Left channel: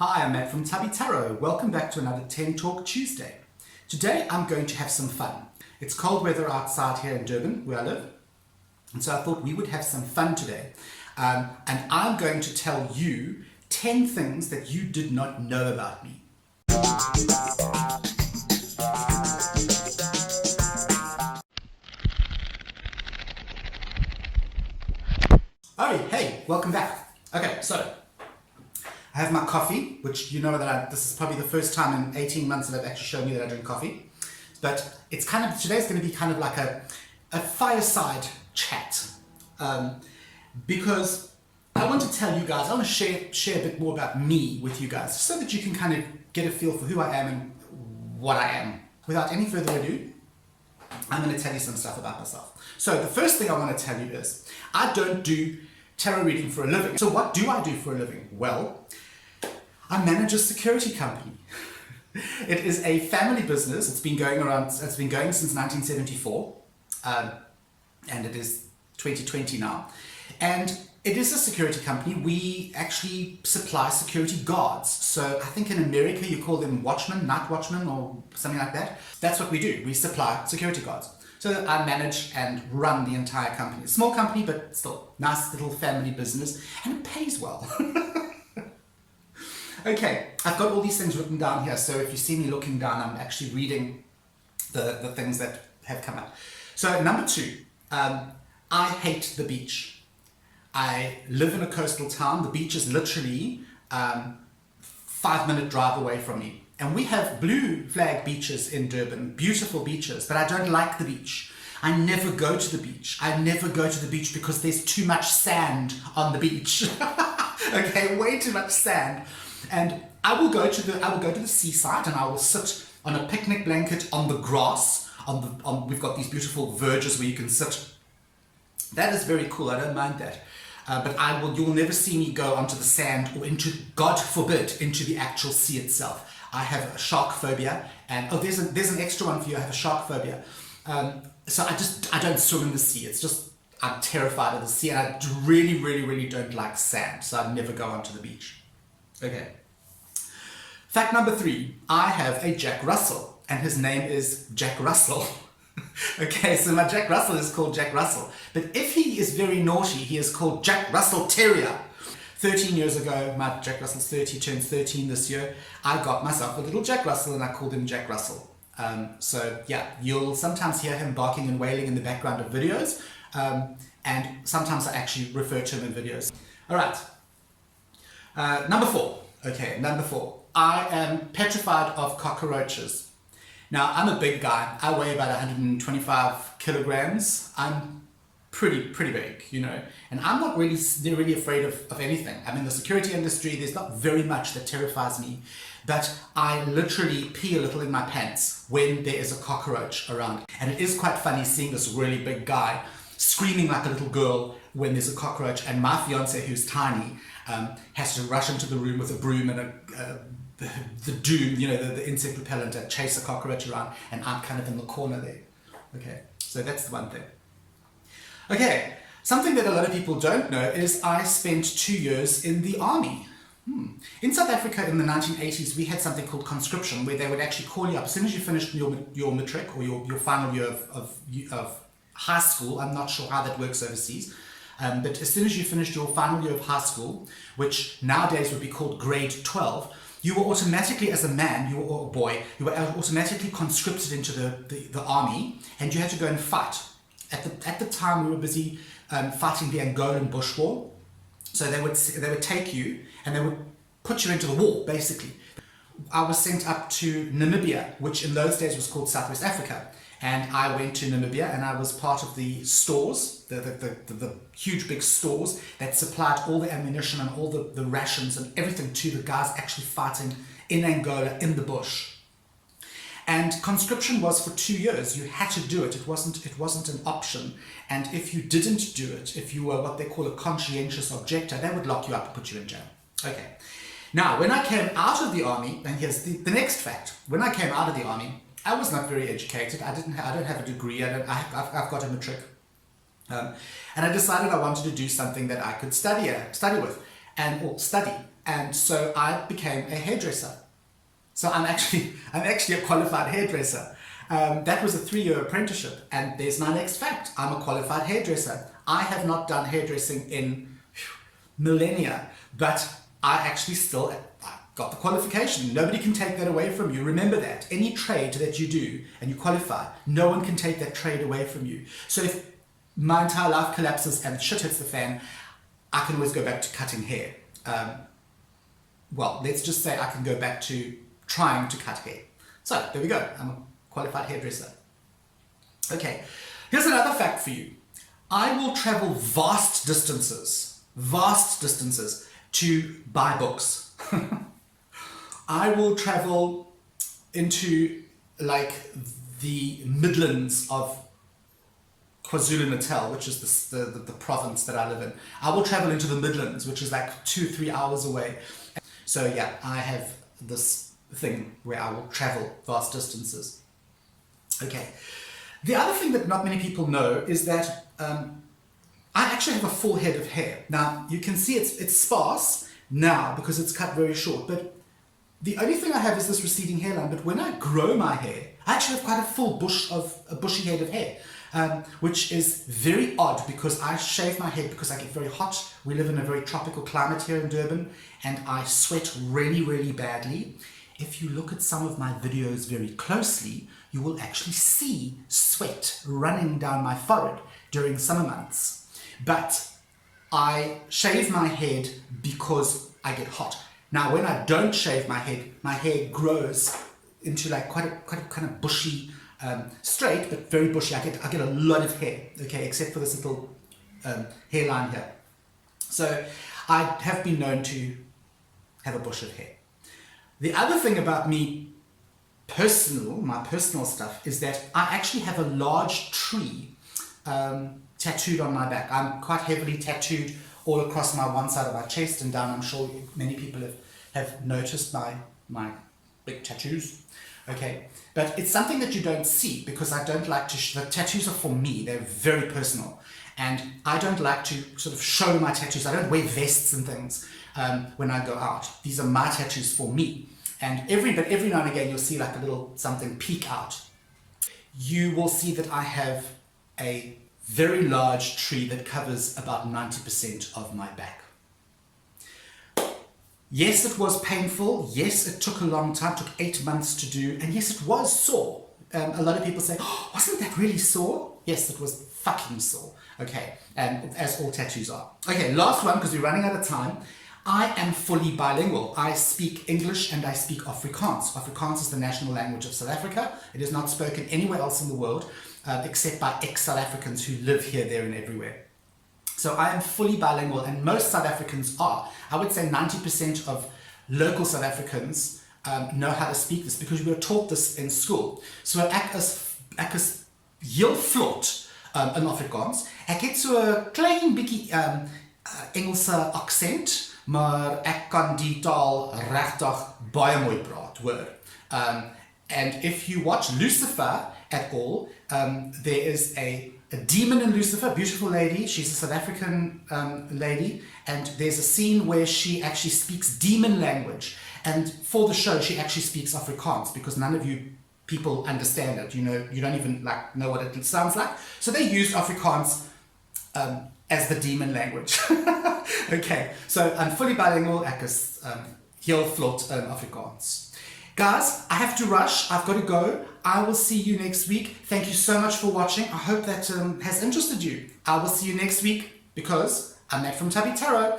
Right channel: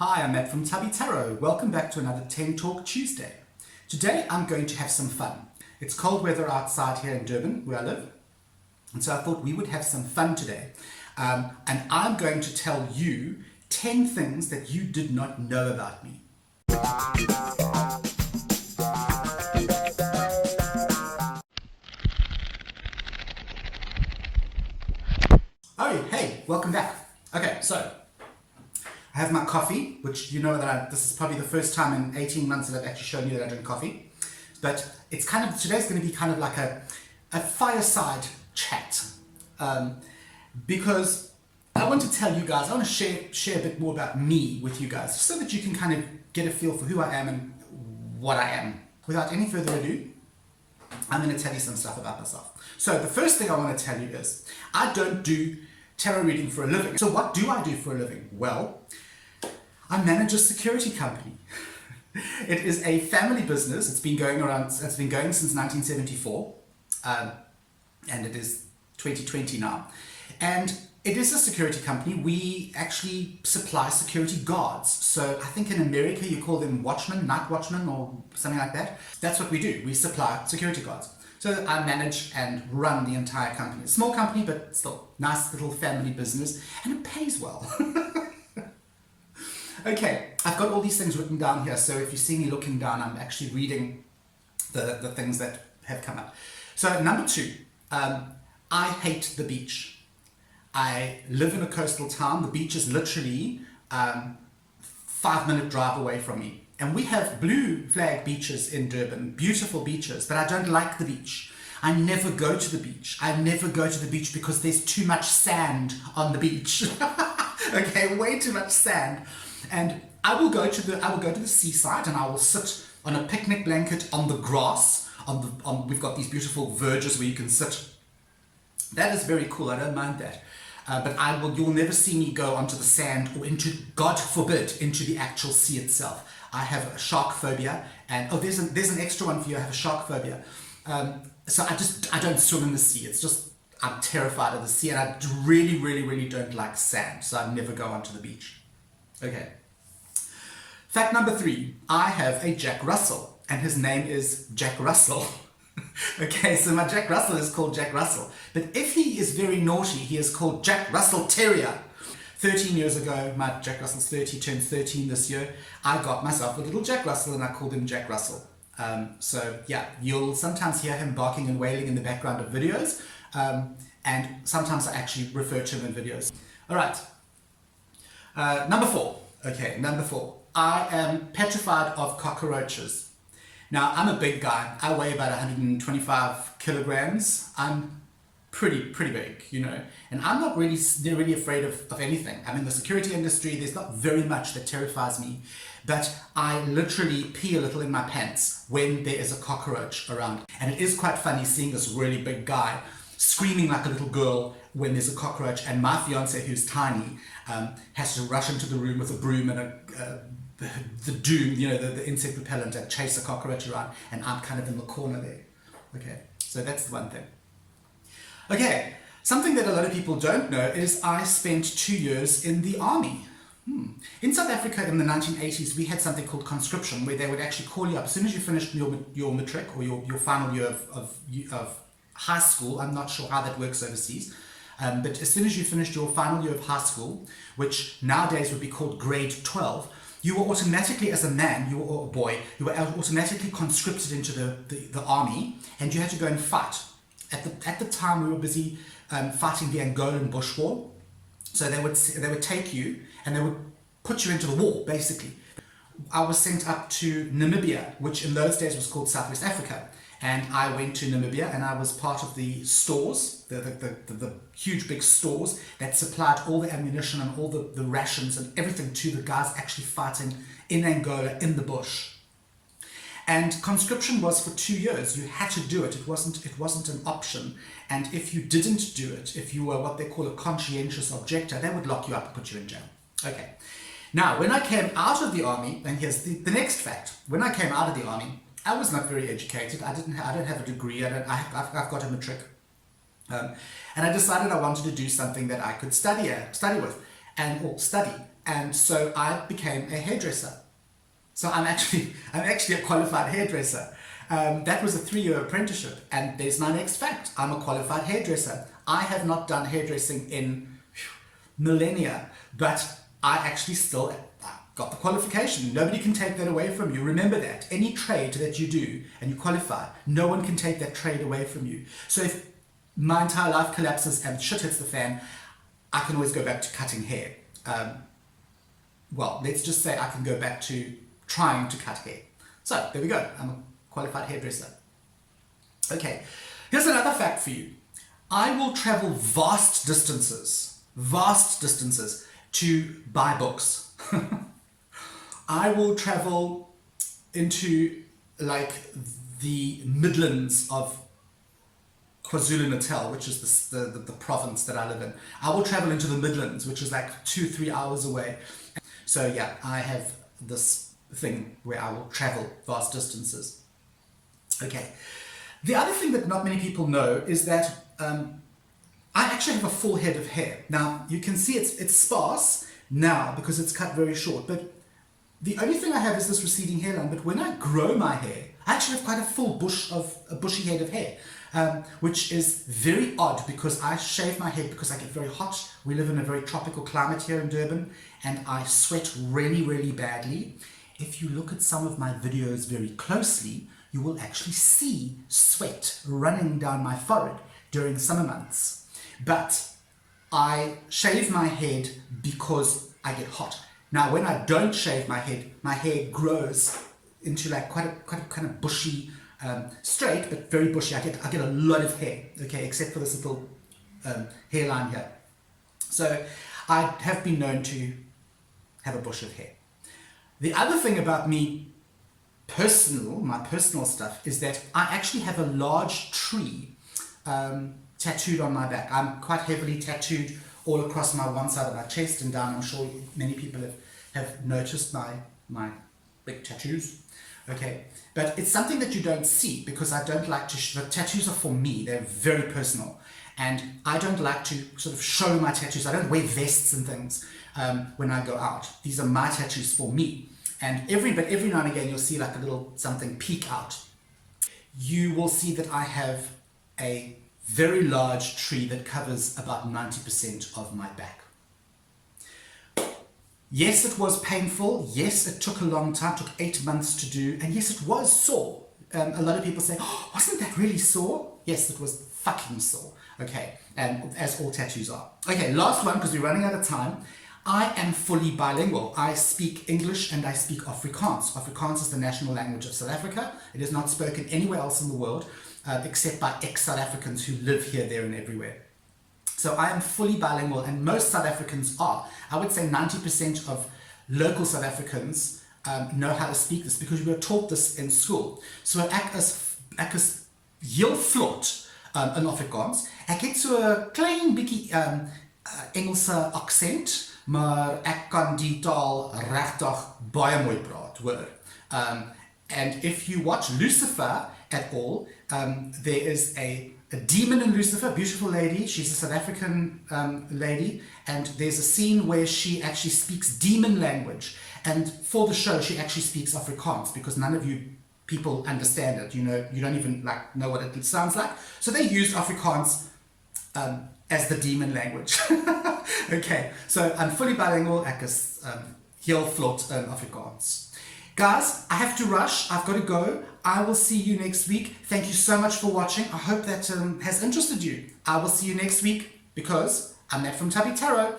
Hi, I'm Matt from Tubby Tarot. Welcome back to another 10 Talk Tuesday. Today I'm going to have some fun. It's cold weather outside here in Durban, where I live, and so I thought we would have some fun today. And I'm going to tell you 10 things that you did not know about me. Oh, hey, welcome back. Okay, so I have my coffee, which you know that this is probably the first time in 18 months that I've actually shown you that I drink coffee. But it's today's going to be kind of like a fireside chat. Because I want to tell you guys, I want to share a bit more about me with you guys, so that you can kind of get a feel for who I am and what I am. Without any further ado, I'm going to tell you some stuff about myself. So the first thing I want to tell you is, I don't do tarot reading for a living. So what do I do for a living? Well, I manage a security company. It is a family business. It's been going since 1974, and it is 2020 now. And it is a security company. We actually supply security guards. So I think in America you call them watchmen, night watchmen, or something like that. That's what we do. We supply security guards. So I manage and run the entire company. Small company, but still nice little family business, and it pays well. Okay, I've got all these things written down here, so if you see me looking down, I'm actually reading the things that have come up. So number 2, I hate the beach. I live in a coastal town. The beach is literally 5-minute drive away from me. And we have blue flag beaches in Durban, beautiful beaches, but I don't like the beach. I never go to the beach. I never go to the beach because there's too much sand on the beach. Okay, way too much sand. And I will go to the seaside, and I will sit on a picnic blanket on the grass. We've got these beautiful verges where you can sit. That is very cool. I don't mind that. But you'll never see me go onto the sand or into, God forbid, into the actual sea itself. I have a shark phobia, and there's an extra one for you. I have a shark phobia. So I don't swim in the sea. It's just, I'm terrified of the sea, and I really, really, really don't like sand. So I never go onto the beach. Okay. Fact number 3, I have a Jack Russell, and his name is Jack Russell. Okay, so my Jack Russell is called Jack Russell, but if he is very naughty, he is called Jack Russell Terrier. 13 years ago, my Jack Russell's 30, turns 13 this year, I got myself a little Jack Russell, and I called him Jack Russell. So yeah, you'll sometimes hear him barking and wailing in the background of videos, and sometimes I actually refer to him in videos. All right. Number 4. Okay, number 4. I am petrified of cockroaches. Now, I'm a big guy. I weigh about 125 kilograms. I'm pretty big, you know, and I'm not really afraid of anything. I'm in the security industry. There's not very much that terrifies me, but I literally pee a little in my pants when there is a cockroach around. And it is quite funny seeing this really big guy screaming like a little girl when there's a cockroach, and my fiance, who's tiny, has to rush into the room with a broom and the doom, you know, the insect repellent, and chase a cockroach around, and I'm kind of in the corner there. Okay, so that's the one thing. Okay, something that a lot of people don't know is I spent 2 years in the army. In South Africa in the 1980s, we had something called conscription, where they would actually call you up as soon as you finished your matric, or your final year of high school. I'm not sure how that works overseas. But as soon as you finished your final year of high school, which nowadays would be called grade 12, you were automatically, as a man, or a boy, you were automatically conscripted into the army, and you had to go and fight. At the time, we were busy fighting the Angolan Bush War. So they would take you and they would put you into the war, basically. I was sent up to Namibia, which in those days was called Southwest Africa. And I went to Namibia, and I was part of the stores, the huge big stores that supplied all the ammunition and all the rations and everything to the guys actually fighting in Angola in the bush. And conscription was for 2 years. You had to do it. It wasn't an option. And if you didn't do it, if you were what they call a conscientious objector, they would lock you up and put you in jail. Okay. Now, when I came out of the army, and here's the next fact. When I came out of the army, I was not very educated. I don't have a degree. I've got a matric. And I decided I wanted to do something that I could study with, or study. And so I became a hairdresser. So I'm actually a qualified hairdresser. That was a 3-year apprenticeship. And there's my next fact. I'm a qualified hairdresser. I have not done hairdressing in millennia, but I actually still got the qualification. Nobody can take that away from you. Remember that. Any trade that you do and you qualify, no one can take that trade away from you. So if my entire life collapses and shit hits the fan, I can always go back to cutting hair. Well, let's just say I can go back to trying to cut hair. So there we go. I'm a qualified hairdresser. Okay, here's another fact for you. I will travel vast distances to buy books. I will travel into like the Midlands of KwaZulu-Natal, which is the province that I live in. I will travel into the Midlands, which is like 2-3 hours away. So yeah, I have this thing where I will travel vast distances. Okay. The other thing that not many people know is that I actually have a full head of hair. Now, you can see it's sparse now because it's cut very short, but the only thing I have is this receding hairline. But when I grow my hair, I actually have quite a bushy head of hair, which is very odd because I shave my head because I get very hot. We live in a very tropical climate here in Durban, and I sweat really, really badly. If you look at some of my videos very closely, you will actually see sweat running down my forehead during summer months. But I shave my head because I get hot. Now, when I don't shave my hair grows into like quite a kind of bushy, straight, but very bushy. I get a lot of hair, okay, except for this little hairline here. So I have been known to have a bush of hair. The other thing about me, my personal stuff, is that I actually have a large tree tattooed on my back. I'm quite heavily tattooed all across my one side of my chest and down. I'm sure many people have noticed my big tattoos. Okay, but it's something that you don't see because I don't like to, the tattoos are for me, they're very personal. And I don't like to sort of show my tattoos. I don't wear vests and things when I go out. These are my tattoos for me. And every now and again, you'll see like a little something peek out. You will see that I have a very large tree that covers about 90% of my back. Yes, it was painful. Yes, it took a long time, took 8 months to do. And yes, it was sore. A lot of people say, oh, wasn't that really sore? Yes, it was fucking sore. Okay, and as all tattoos are. Okay, last one, because we're running out of time. I am fully bilingual. I speak English and I speak Afrikaans. Afrikaans is the national language of South Africa. It is not spoken anywhere else in the world, except by ex-South Africans who live here, there, and everywhere. So I am fully bilingual, and most South Africans are. I would say 90% of local South Africans know how to speak this because we were taught this in school. So ek is heel vlot in Afrikaans. Ek het so 'n klein bietjie Engelse aksent, maar ek kan die taal regtig baie mooi praat, hoor. And if you watch Lucifer at all, there is a demon in Lucifer, beautiful lady. She's a South African lady, and there's a scene where she actually speaks demon language. And for the show, she actually speaks Afrikaans because none of you people understand it. You know, you don't even like know what it sounds like. So they used Afrikaans as the demon language. Okay, so I'm fully bilingual. Ek is heel vlot in Afrikaans. Guys, I have to rush. I've got to go. I will see you next week. Thank you so much for watching. I hope that has interested you. I will see you next week because I'm Matt from Tubby Tarot.